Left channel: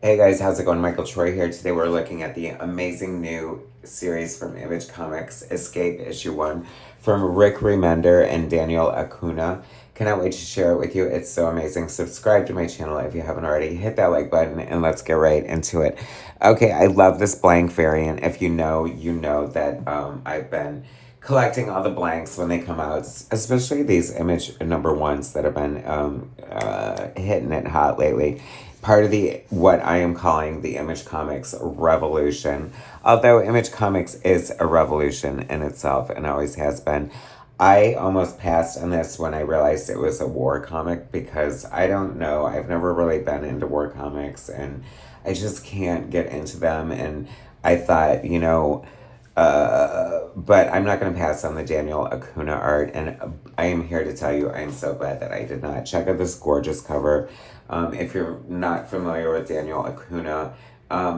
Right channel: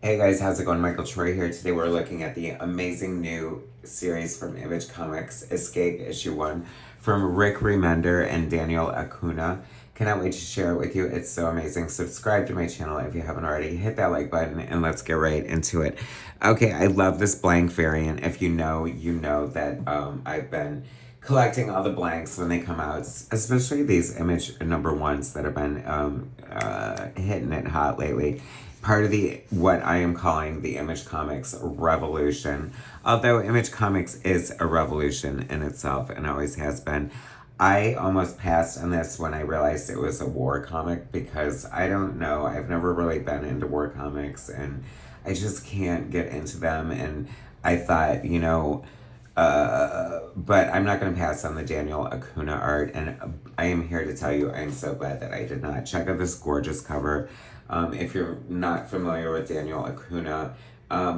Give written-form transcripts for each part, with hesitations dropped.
Hey guys, how's it going? Michael Troy here. Today we're looking at the amazing new series from Image Comics, Escape Issue 1, from Rick Remender and Daniel Acuña. Cannot wait to share it with you. It's so amazing. Subscribe to my channel if you haven't already. Hit that like button and let's get right into it. Okay, I love this blank variant. If you know, you know that I've been collecting all the blanks when they come out, especially these image number ones that have been hitting it hot lately. Part of the what I am calling the Image Comics revolution. Although Image Comics is a revolution in itself and always has been. I almost passed on this when I realized it was a war comic because I don't know, I've never really been into war comics and I just can't get into them. And I thought, but I'm not going to pass on the Daniel Acuña art, and I am here to tell you I'm so glad that I did not. Check out this gorgeous cover. If you're not familiar with Daniel Acuña,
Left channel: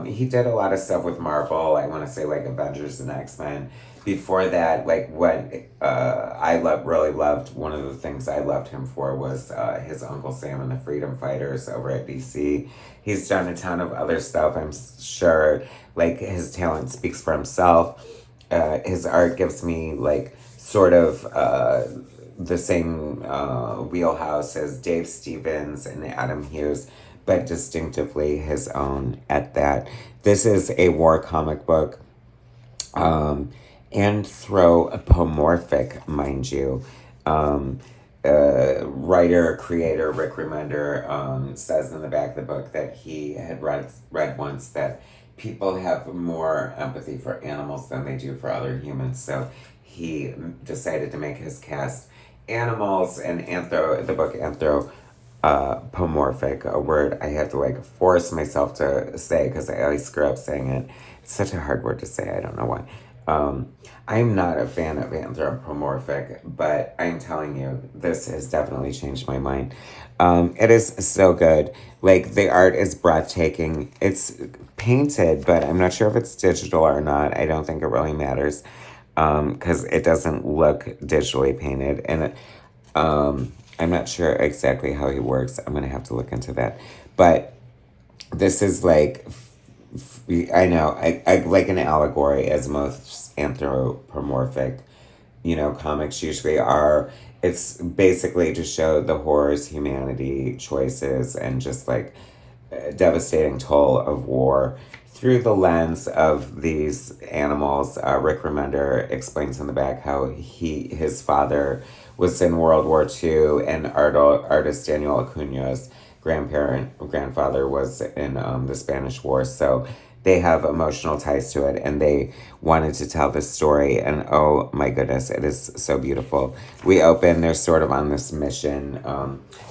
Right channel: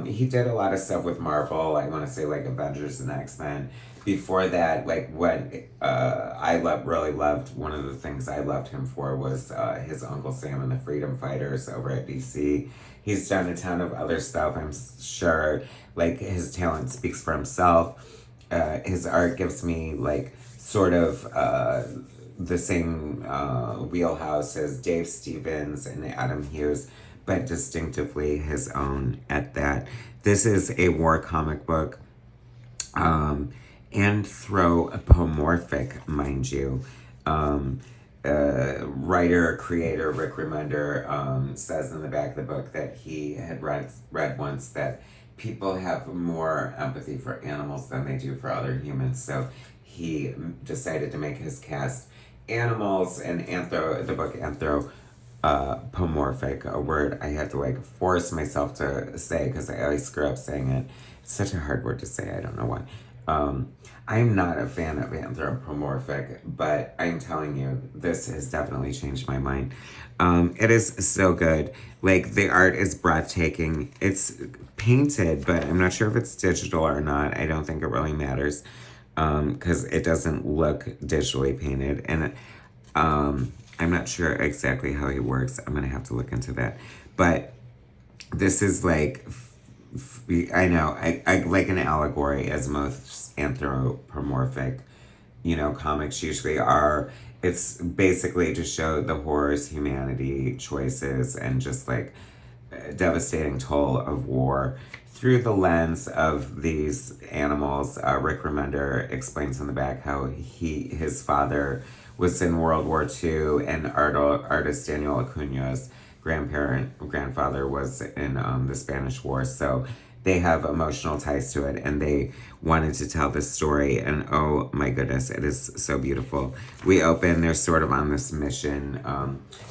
he did a lot of stuff with Marvel. I want to say like Avengers and X-Men. Before that, like what really loved, one of the things I loved him for was his Uncle Sam and the Freedom Fighters over at DC. He's done a ton of other stuff, I'm sure. Like, his talent speaks for himself. His art gives me, like, sort of the same wheelhouse as Dave Stevens and Adam Hughes, but distinctively his own at that. This is a war comic book. Anthropomorphic, mind you. Writer, creator Rick Remender says in the back of the book that he had read once that people have more empathy for animals than they do for other humans. So he decided to make his cast animals, and the book anthropomorphic, a word I had to like force myself to say because I always screw up saying it. It's such a hard word to say. I don't know why. I'm not a fan of anthropomorphic, but I'm telling you, this has definitely changed my mind. It is so good. Like, the art is breathtaking. It's painted, but I'm not sure if it's digital or not. I don't think it really matters because it doesn't look digitally painted. And I'm not sure exactly how he works. I'm going to have to look into that. But this is like, I know, I like an allegory, as most anthropomorphic, comics usually are. It's basically to show the horrors, humanity, choices, and just like devastating toll of war through the lens of these animals. Rick Remender explains in the back how his father was in World War II, and artist Daniel Acuña's grandfather was in the Spanish War. So they have emotional ties to it, and they wanted to tell this story, and oh my goodness, it is so beautiful. We open, they're sort of on this mission.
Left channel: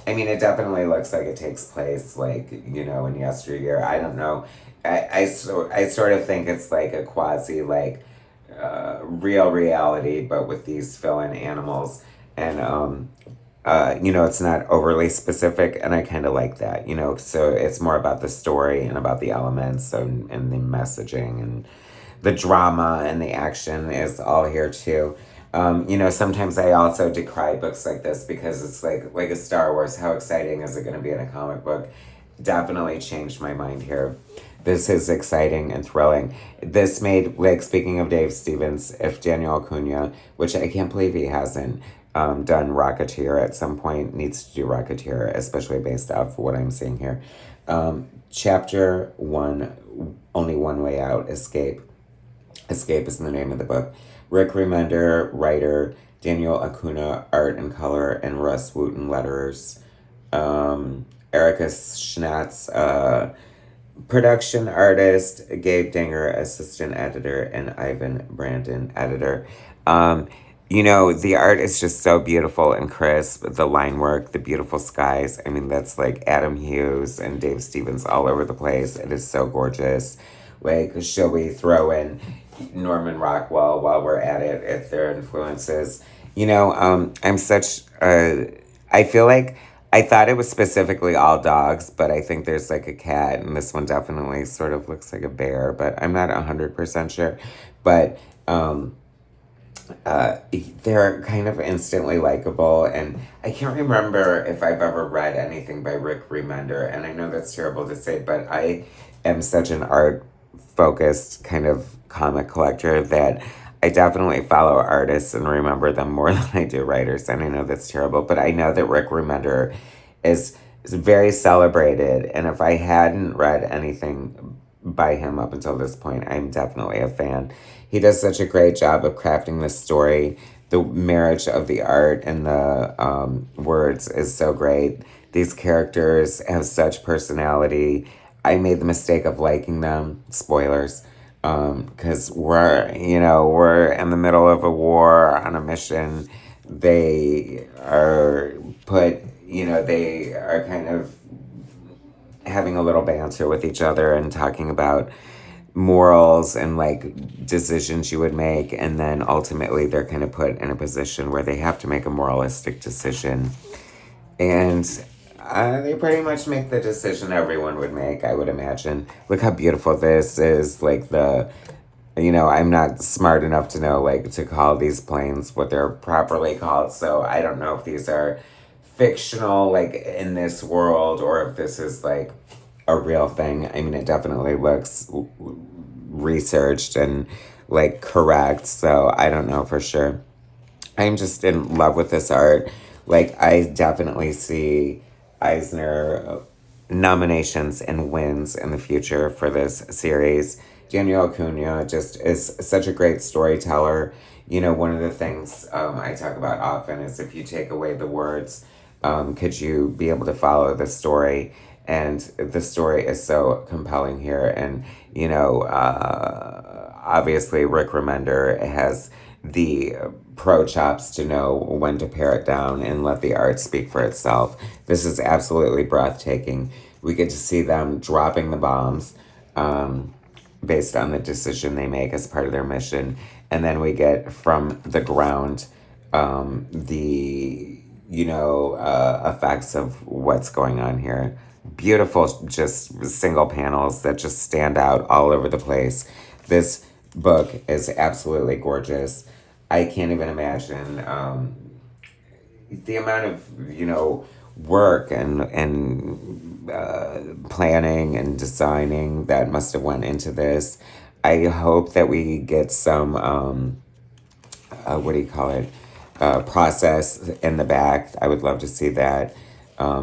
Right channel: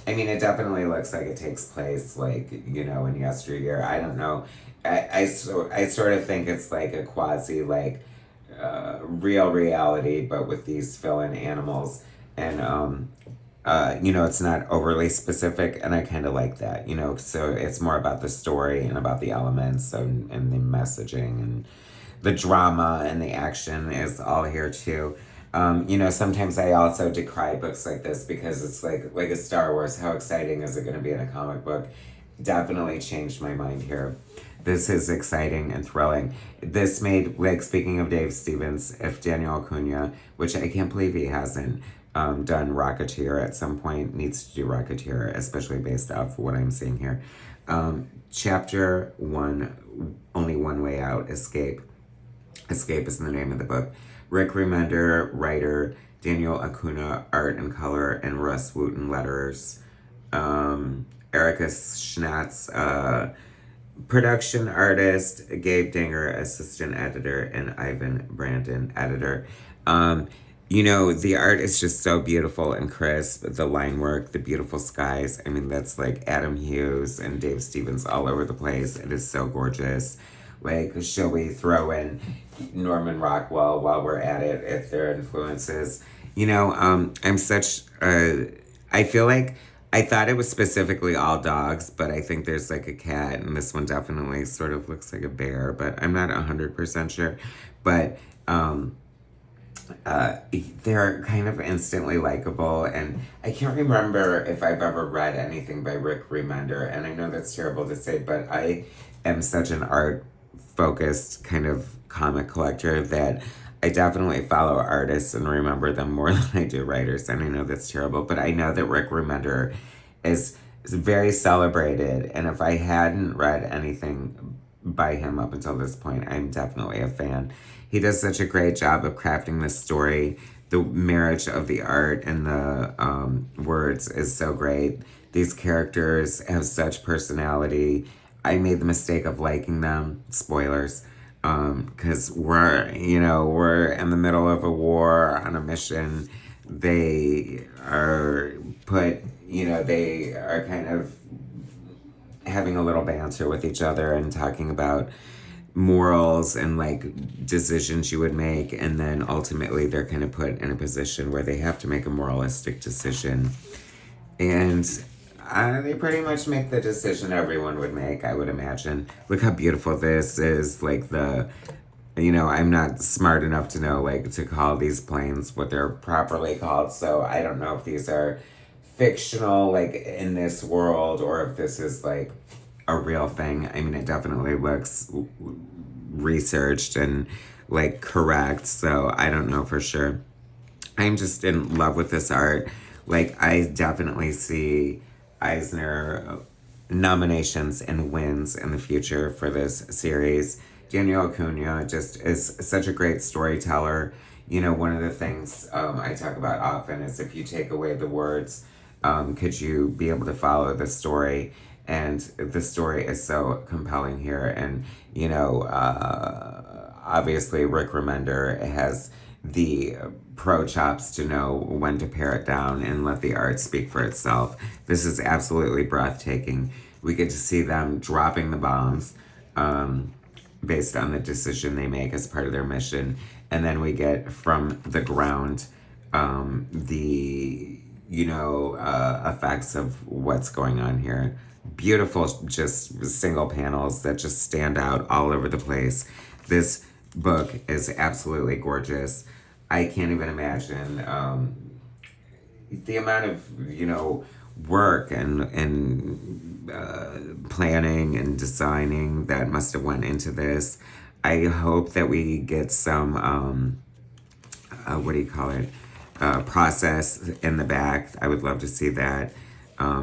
I mean, it definitely looks like it takes place like, in yesteryear. I don't know. I sort of think it's like a quasi like real reality, but with these fill-in animals. And it's not overly specific, and I kind of like that, so it's more about the story and about the elements and the messaging, and the drama and the action is all here too. Sometimes I also decry books like this because it's like a Star Wars. How exciting is it going to be in a comic book? Definitely changed my mind here. This is exciting and thrilling. This made, like, speaking of Dave Stevens, if Daniel Acuña, which I can't believe he hasn't done Rocketeer at some point, needs to do Rocketeer, especially based off what I'm seeing here. Chapter 1, Only One Way Out, Escape. Escape is the name of the book. Rick Remender, writer, Daniel Acuña, art and color, and Russ Wooten, letterers. Erica Schnatz, production artist, Gabe Dinger, assistant editor, and Ivan Brandon, editor. The art is just so beautiful and crisp. The line work, the beautiful skies. I mean, that's like Adam Hughes and Dave Stevens all over the place. It is so gorgeous. Like, shall we throw in Norman Rockwell while we're at it, if there are influences? I'm such a... I feel like I thought it was specifically all dogs, but I think there's like a cat, and this one definitely sort of looks like a bear, but I'm not 100% sure. But they're kind of instantly likable, and I can't remember if I've ever read anything by Rick Remender, and I know that's terrible to say, but I am such an art focused kind of comic collector that I definitely follow artists and remember them more than I do writers, and I know that's terrible, but I know that Rick Remender is very celebrated, and if I hadn't read anything by him up until this point, I'm definitely a fan. He does such a great job of crafting this story. The marriage of the art and the words is so great. These characters have such personality. I made the mistake of liking them. Spoilers. Because we're in the middle of a war on a mission. They are they are kind of having a little banter with each other and talking about morals and like decisions you would make, and then ultimately they're kind of put in a position where they have to make a moralistic decision, and they pretty much make the decision everyone would make, I would imagine. Look how beautiful this is. Like I'm not smart enough to know like to call these planes what they're properly called, so I don't know if these are fictional like in this world or if this is like a real thing. I mean, it definitely looks researched and like correct, so I don't know for sure. I'm just in love with this art. Like, I definitely see Eisner nominations and wins in the future for this series. Daniel Acuña just is such a great storyteller. One of the things I talk about often is if you take away the words, could you be able to follow the story? And the story is so compelling here. And, obviously Rick Remender has the pro chops to know when to pare it down and let the art speak for itself. This is absolutely breathtaking. We get to see them dropping the bombs based on the decision they make as part of their mission. And then we get from the ground the effects of what's going on here. Beautiful, just single panels that just stand out all over the place. This book is absolutely gorgeous. I can't even imagine the amount of work and planning and designing that must have went into this. I hope that we get some what do you call it? Process in the back. I would love to see that.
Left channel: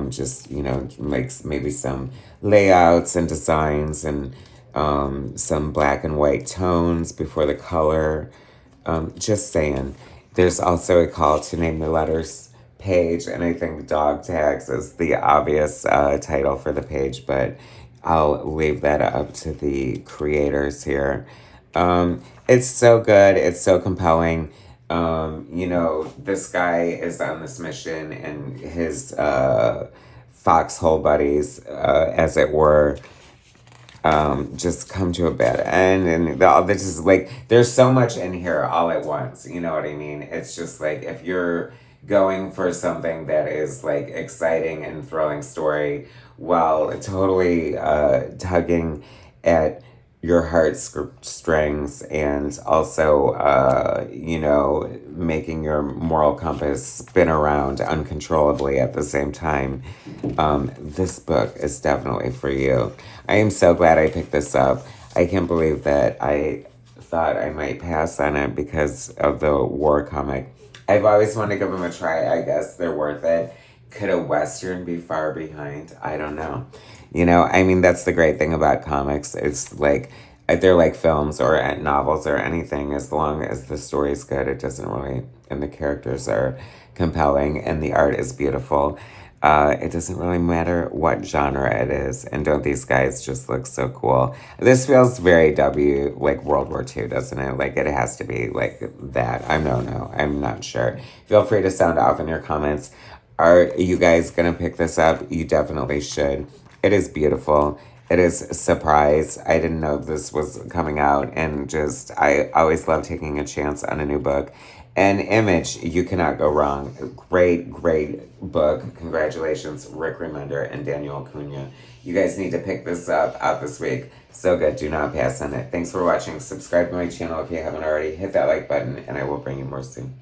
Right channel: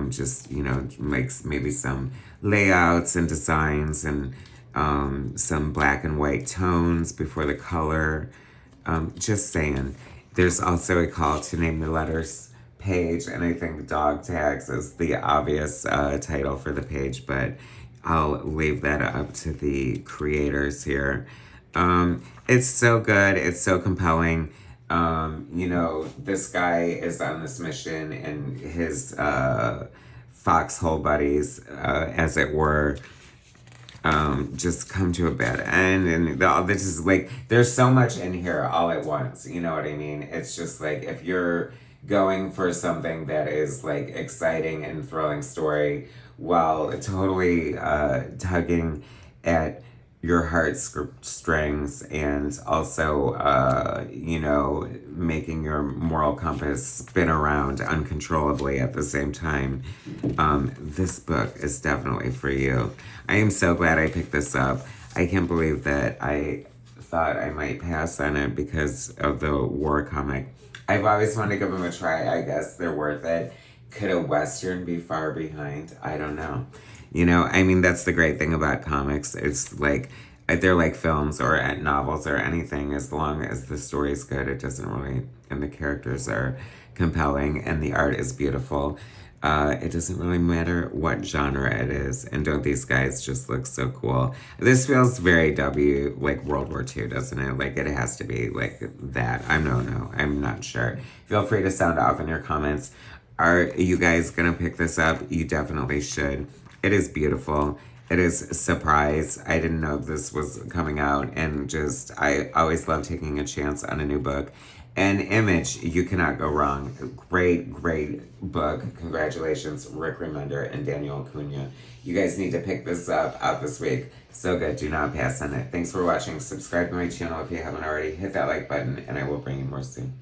Just like maybe some layouts and designs and some black and white tones before the color. Just saying. There's also a call to name the letters page, and I think dog tags is the obvious title for the page, but I'll leave that up to the creators here. It's so good. It's so compelling. This guy is on this mission, and his foxhole buddies, as it were, just come to a bad end, and this is like there's so much in here all at once. You know what I mean? It's just like if you're going for something that is like exciting and thrilling story while totally tugging at your heartstrings and also making your moral compass spin around uncontrollably at the same time, this book is definitely for you. I am so glad I picked this up. I can't believe that I thought I might pass on it because of the war comic. I've always wanted to give them a try. I guess they're worth it. Could a Western be far behind? I don't know. I mean, that's the great thing about comics. It's like, they're like films or novels or anything. As long as the story's good, it doesn't really, and the characters are compelling and the art is beautiful. It doesn't really matter what genre it is. And don't these guys just look so cool? This feels very like World War II, doesn't it? Like it has to be like that. I'm not sure. Feel free to sound off in your comments. Are you guys gonna pick this up? You definitely should. It is beautiful. It is a surprise. I didn't know this was coming out, and I always love taking a chance on a new book. And Image, you cannot go wrong. Great, great book. Congratulations, Rick Remender and Daniel Acuña. You guys need to pick this up out this week. So good. Do not pass on it. Thanks for watching. Subscribe to my channel if you haven't already. Hit that like button, and I will bring you more soon.